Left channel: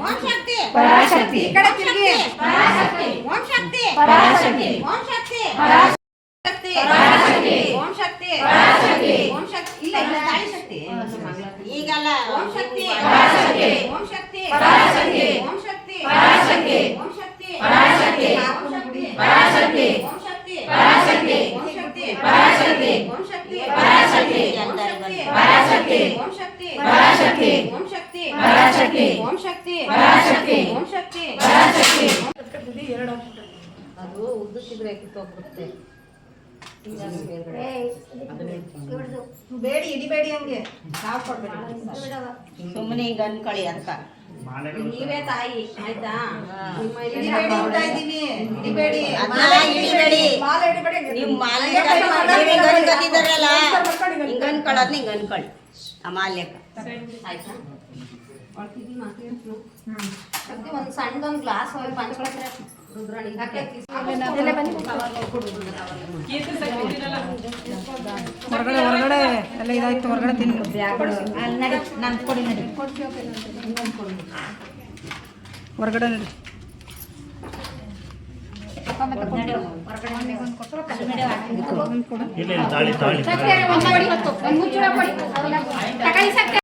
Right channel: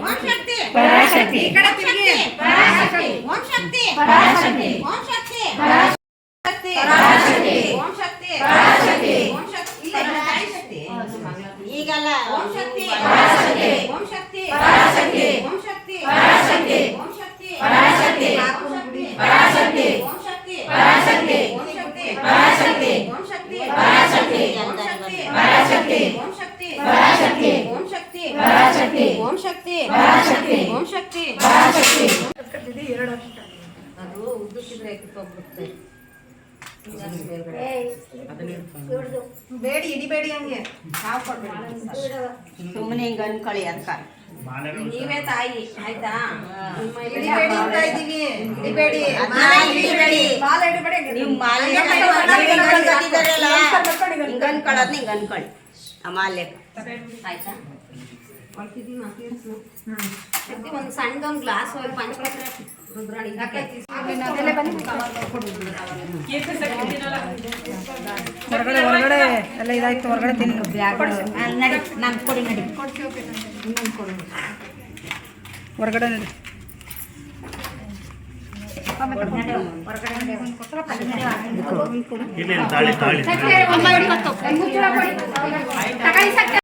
ಓಂ ಶಕ್ತಿ ಪರಾಶಕ್ತಿ ಈ ಕಡೆ ತಿರುಗಿ. ಓಂ ಶಕ್ತಿ ಓಂ ಶಕ್ತಿ ಶಕ್ತಿ ಓಂ ಶಕ್ತಿ ಓಂ ಶಕ್ತಿ ಇಲ್ಲ ಇಲ್ಲ ತಾಯಿ ಶಕ್ತಿ ಈಗಲ್ಲ ಓಂ ಶಕ್ತಿ ಓಂ ಶಕ್ತಿ ಓಂ ಶಕ್ತಿ ಓಂ ಶಕ್ತಿ ಪರಾಶಕ್ತಿ ಪರಾಶಕ್ತಿ ಓಂ ಶಕ್ತಿ ಪರಾಶಕ್ತಿ ಓಂ ಶಕ್ತಿ ಪರಾಶಕ್ತಿ ಓಂ ಶಕ್ತಿ ಪರಾಶಕ್ತಿ ಪರಾಶಕ್ತಿ ಓಂ ಶಕ್ತಿ ಪರಾಶಕ್ತಿ ಓಂ ಶಕ್ತಿ ಪರಾಶಕ್ತಿ ಓಂ ಶಕ್ತಿ ಪರಾಶಕ್ತಿ ಓಂ ಶಕ್ತಿ ಪರಾಶಕ್ತಿ ಅದು ಉದ್ದಕ್ಕಿದ್ರೆ ಕಿತ್ತೋಗ್ಬಿಡುತ್ತೆ ಬೇಡಿ ಹಿಡಿಬೇಡಿ ಹಂಗೆ ನಾವು ಸುಮ್ಮನೆ ಹಿಂಗ ಅನ್ಕೊಳ್ಳಿ ಅಂತ ನೀವೇ ತಾಯಿ ಆಯ್ತಾ ಹಿಡಿಬೇಡಿ ನೀವು ಮಾಲೆ ಹಿಂಗ ಅನ್ಕೊಳ್ಳೋದ್ ಹಿಂಗ ಅನ್ಕೊಳ್ಳಿ ಆ ಮಾಲೆ ಆಯ್ತಾ ಒಂದು ಸಣ್ಣದೊಂದು ಗ್ಲಾಸ್ ಪಂಚಪತ್ರ ರುದ್ರಾಣಿ ಹೊರಗಡೆ ಎಲ್ಲ ಇದಾಯ್ತು ಹೊರಗಡೆ ತಿನ್ನು ನಂಗೆ ಕೊಡಿ ನಡಿ ಹೊರಗಡೆ ನಡಿ ಇಲ್ಲ ತಾಳಿ